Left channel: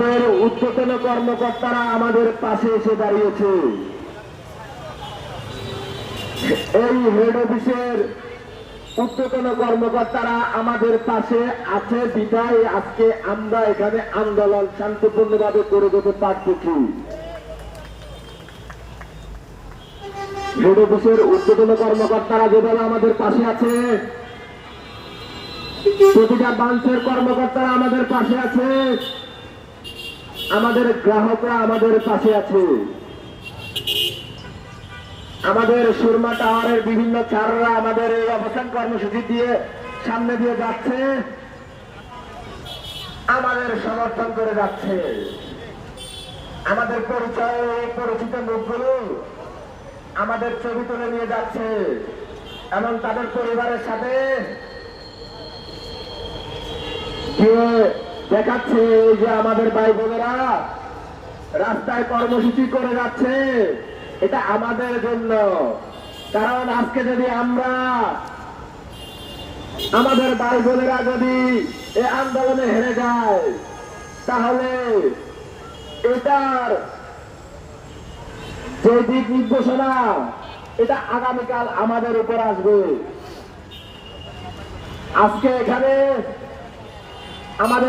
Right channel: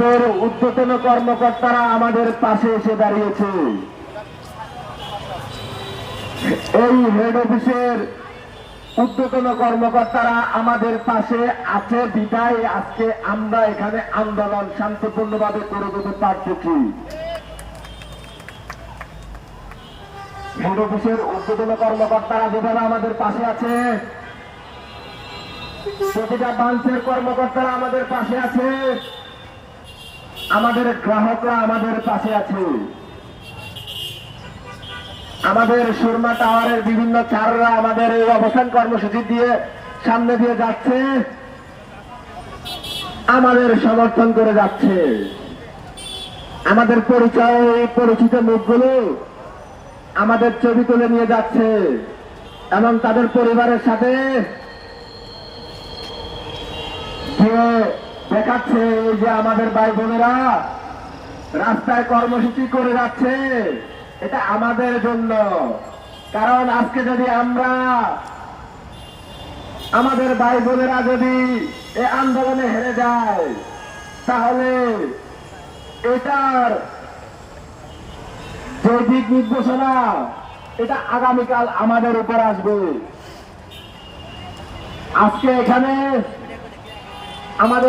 ঊর্ধ্বতন কর্মকর্তারা আমাদের পাশে এসে দাঁড়িয়েছে। এই হেড অফিসের ঊর্ধ্বতন কর্মকর্তারা আমাদের পাশে আছে বিদায় আজকে আমরা এখানে আন্দোলন শান্তিপূর্ণভাবে করে যেতে পারতেছি। হেড অফিসের ঊর্ধ্বতন কর্মকর্তারা যেভাবে আমাদের পাশে আছে, প্রতিটা ব্রাঞ্চের কর্মকর্তারা আমাদের পাশে আছে, আমাদের গ্রাহকরা আমাদের পাশে আছে, আমাদের সুরমা টাওয়ারের বিভিন্ন চাররা আমাদের এই অবস্থান কর্মসূচি দিয়ে সামনে দিয়ে যাচ্ছে, আমাদের সমর্থন করে যাচ্ছে। আমাদের পরিচয় পরিচিত মুখগুলো আমাদের ছবি তুলে নিয়ে যাচ্ছে এবং তাদের পরিবারের সাথে গিয়ে দেখাচ্ছে যে আমাদের ভাই বোনেরা রাস্তায় কর্মসূচি করে যাচ্ছে, এটা আমাদের জন্য। কারণ আজকে যদি আমরা আমাদের ভাই বোনেরা যদি এই আন্দোলনে হেরে যায়, তাহলে এটার যে দিক নির্দেশনা এটা আগামীকাল আমাদের উপর আসবে। আজকে এখানে আমাদের